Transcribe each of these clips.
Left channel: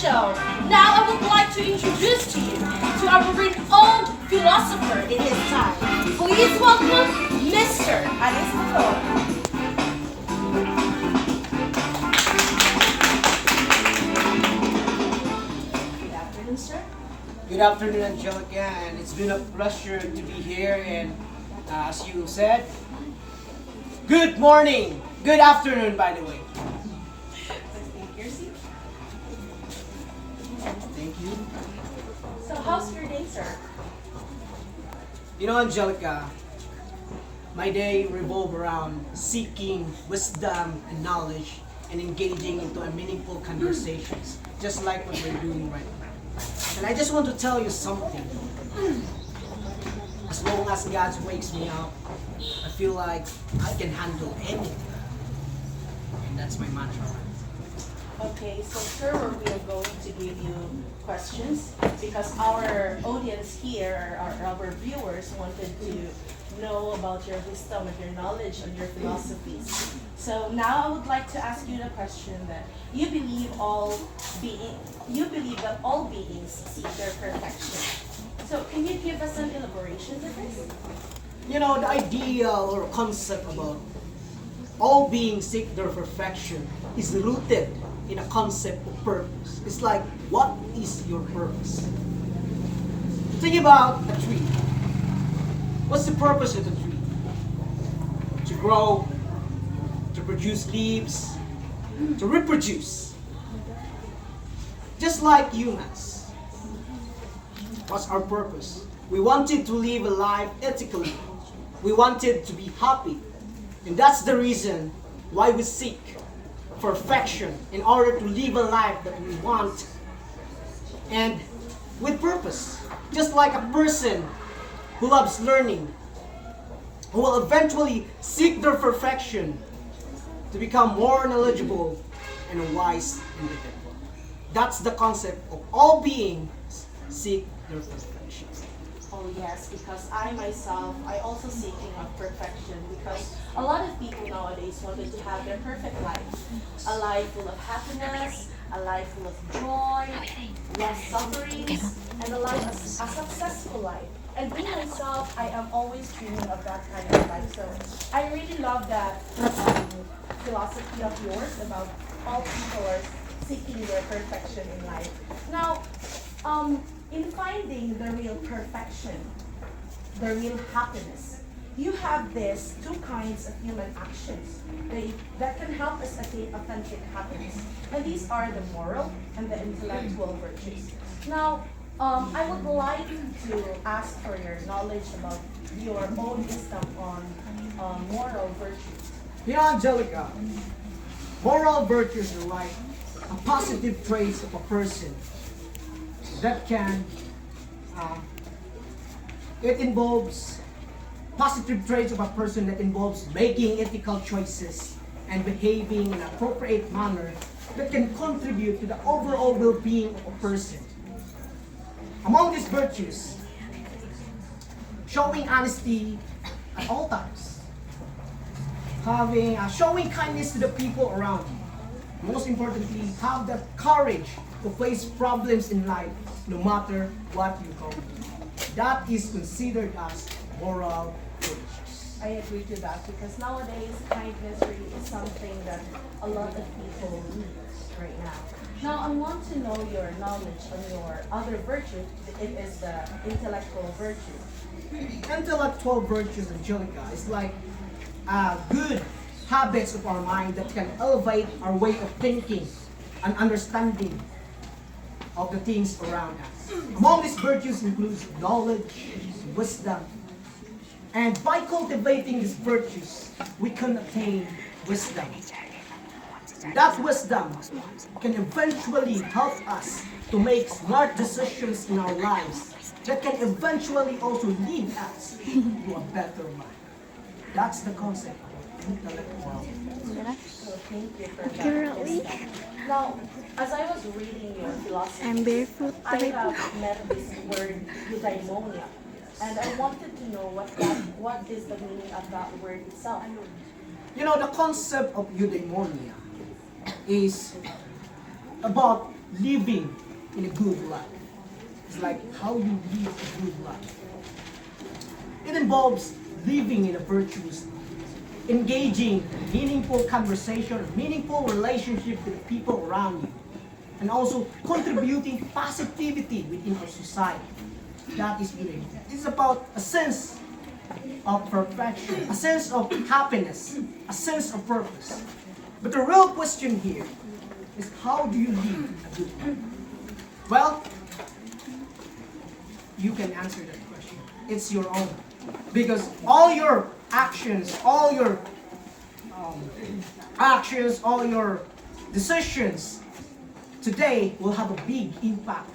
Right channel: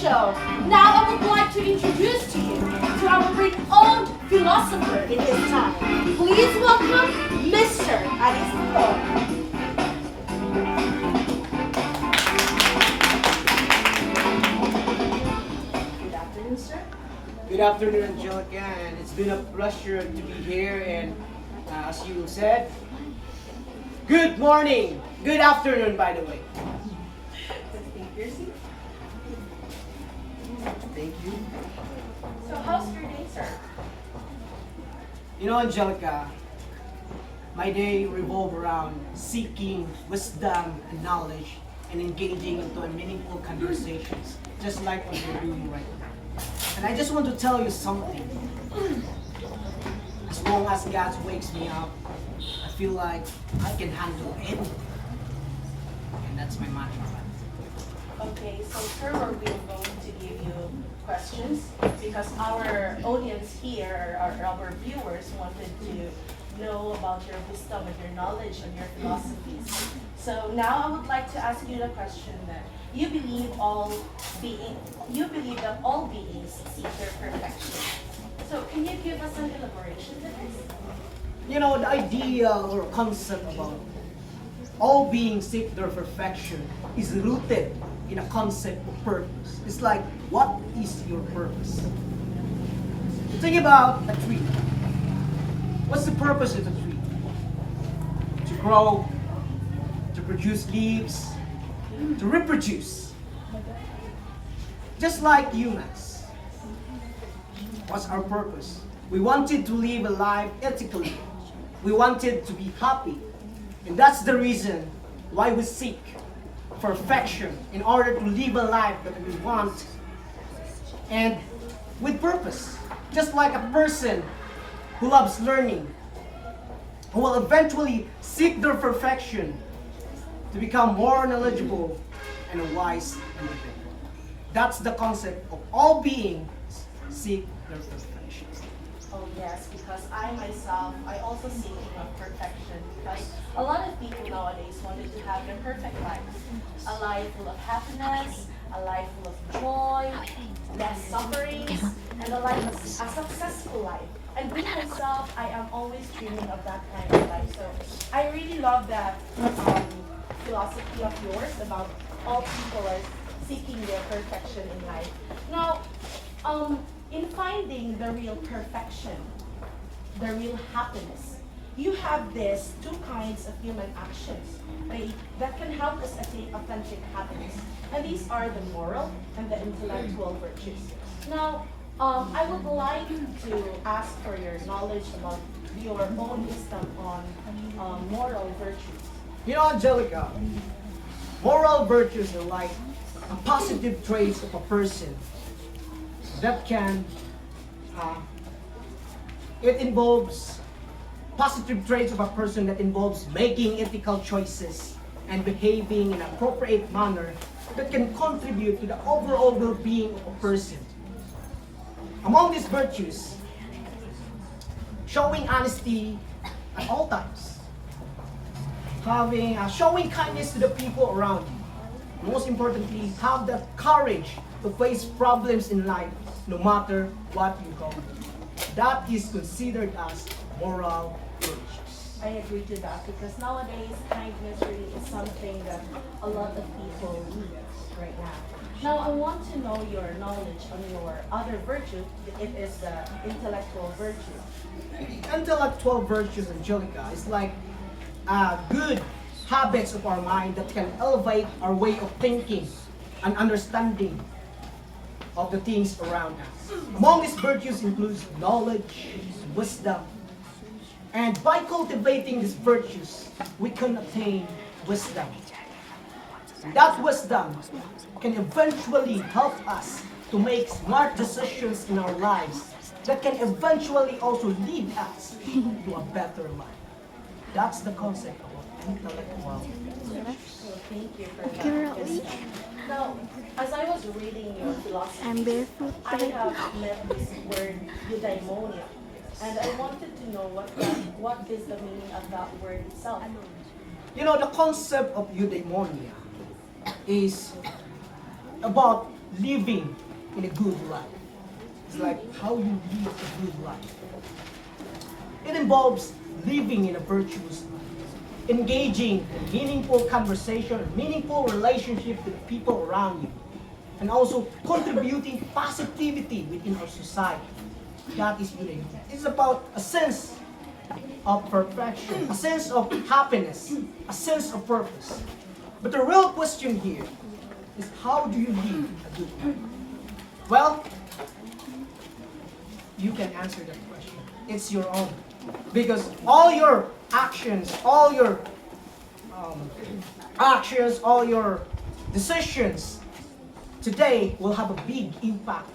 show. Now I would like to introduce to you to our very own philosopher in his time. Please welcome Mr. Aristotle. Good afternoon, sir. Good afternoon, Angelica, and it's been a pleasure to be here. And as you said, good morning, good afternoon, by the way. Please take your seat. Thank you. So how's your day, sir? You know, Angelica, my day revolves around seeking wisdom and knowledge and engaging into a meaningful conversations, just like what we're doing right now. And I just want to tell you something. As long as God wakes me up, I feel like I can handle anything. And that's my mantra. Okay, so sir, we are going to give you questions because our audience here, our viewers, wanted to know about your wisdom and your knowledge and your philosophies. So now I would like to ask you the question that you believe that all beings seek their perfection. So can you give us an elaboration to this? You know, the idea or concept about all beings seek their perfection is rooted in a concept of purpose. It's like, what is your purpose? Think about a tree. What's the purpose of a tree? To grow, to produce leaves, to reproduce. Just like humans. What's our purpose? We wanted to live a life ethically. We wanted to be happy. And that's the reason why we seek perfection in order to live a life that we want and with purpose. Just like a person who loves learning, who will eventually seek their perfection to become more knowledgeable and wise individual. That's the concept of all beings seek their perfection. Oh yes, because I myself, I also seeking of perfection because a lot of people nowadays wanted to have their perfect life. A life full of happiness, a life full of joy, less sufferings, and a life, a successful life. And me myself, I am always dreaming of that kind of life. So I really love that philosophy of yours about all people are seeking their perfection in life. Now, in finding the real perfection, the real happiness, you have these two kinds of human actions that can help us attain authentic happiness. And these are the moral and the intellectual virtues. Now, I would like to ask for your knowledge about your own wisdom on moral virtues. You know, Angelica, moral virtues are like a positive traits of a person that can, it involves positive traits of a person that involves making ethical choices and behaving in an appropriate manner that can contribute to the overall well-being of a person. Among these virtues, showing honesty at all times, showing kindness to the people around you. Most importantly, have the courage to face problems in life no matter what you go through. That is considered as moral virtues. I agree to that because nowadays kindness really is something that a lot of people need right now. Now I want to know your knowledge on your other virtue. It is the intellectual virtue. Intellectual virtues, Angelica, is like good habits of our mind that can elevate our way of thinking and understanding of the things around us. Among these virtues includes knowledge, wisdom, and by cultivating these virtues, we can attain wisdom. That wisdom can eventually help us to make smart decisions in our lives that can eventually also lead us to a better life. That's the concept of intellectual. So thank you for Accurately. that. Now, as I was reading your philosophy, I'm barefoot I right now. have met this word eudaimonia, and I wanted to know what is the meaning of that word itself. You know, the concept of eudaimonia is about living in a good life. It's like how you live a good life. It involves living in a virtuous life, engaging in meaningful conversation, meaningful relationship with the people around you, and also contributing positivity within our society. That is good. It's about a sense of perfection, a sense of happiness, a sense of purpose. But the real question here is how do you live a good life? Well, you can answer that question. It's your own. Because all your actions, all your all your decisions today will have a big impact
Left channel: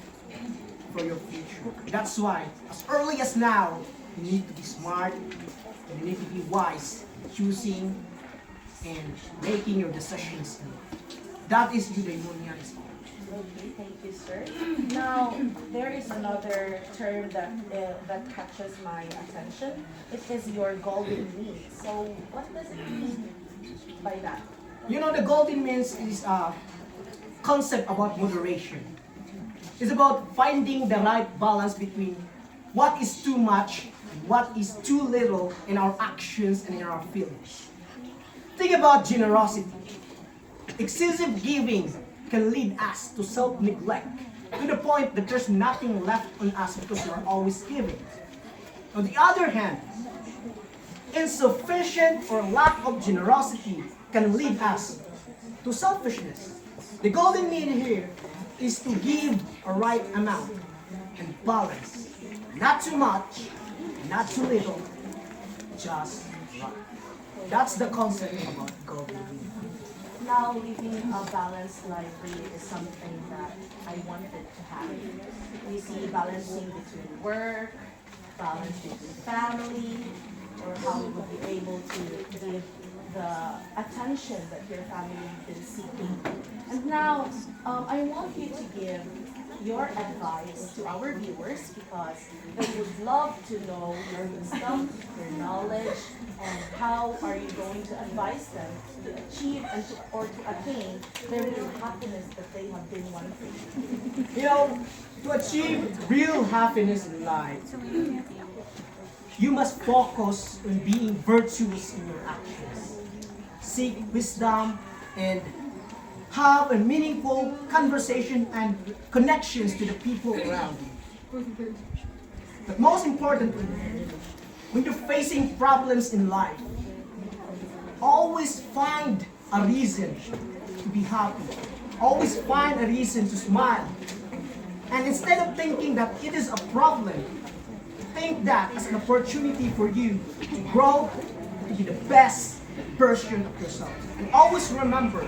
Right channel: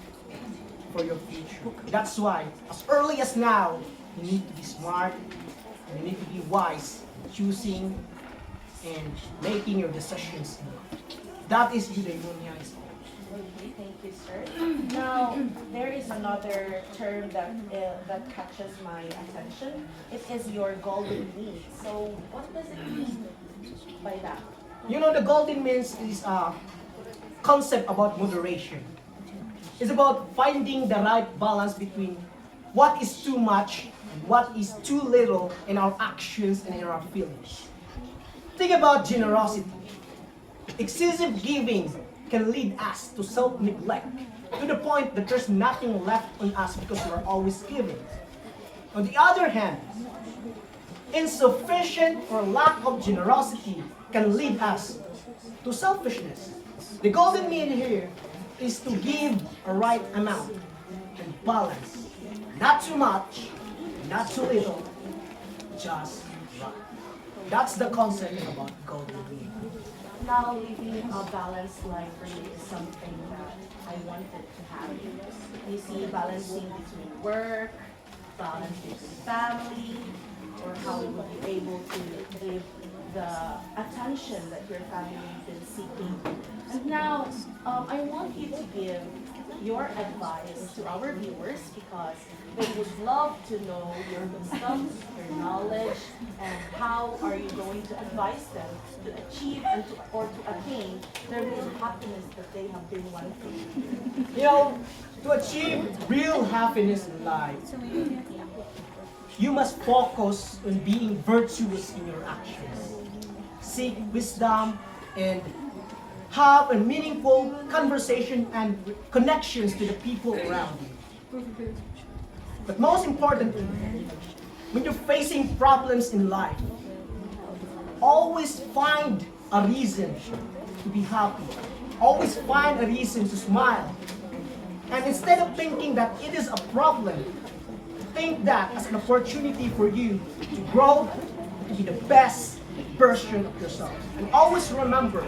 for your future. That's why, as early as now, you need to be smart, and you need to be wise, choosing and making your decisions. That is eudaimonia. Okay, thank you, sir. Now, there is another term that catches my attention. It is your golden mean. So, what does it mean by that? You know, the golden means is a concept about moderation. It's about finding the right balance between what is too much and what is too little in our actions and in our feelings. Think about generosity. Excessive giving can lead us to self-neglect to the point that there's nothing left on us because we're always giving. On the other hand, insufficient or lack of generosity can lead us to selfishness. The golden mean here is to give a right amount and balance. Not too much, not too little, just right. That's the concept about golden mean. Now, living a balanced life really is something that I wanted to have. You see, balancing between work, balance between family, or how you would be able to give the attention that your family has been seeking. And now, I want you to give your advice to our viewers because they would love to know your wisdom, your knowledge, and how are you going to advise them to achieve or to attain the real happiness that they have been wanting. You know, to achieve real happiness in life, you must focus on being virtuous in your actions. Seek wisdom and have a meaningful conversation and connections to the people around you. But most importantly, when you're facing problems in life, always find a reason to be happy. Always find a reason to smile. And instead of thinking that it is a problem, think that as an opportunity for you to grow, to be the best version of yourself. And always remember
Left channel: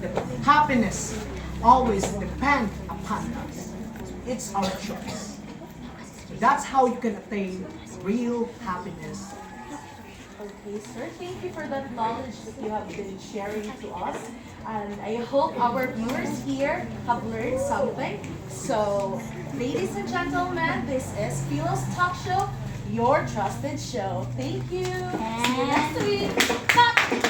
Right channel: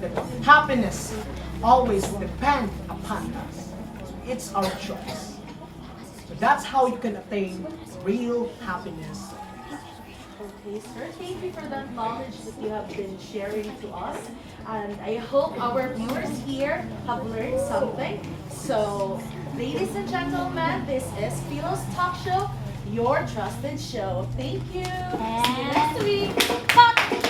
that happiness always depends upon us. It's our choice. So that's how you can attain real happiness. Okay, sir. Thank you for that knowledge that you have been sharing to us. And I hope our viewers here have learned something. So, ladies and gentlemen, this is Philo's Talk Show, your trusted show. Thank you. See you next week. Bye.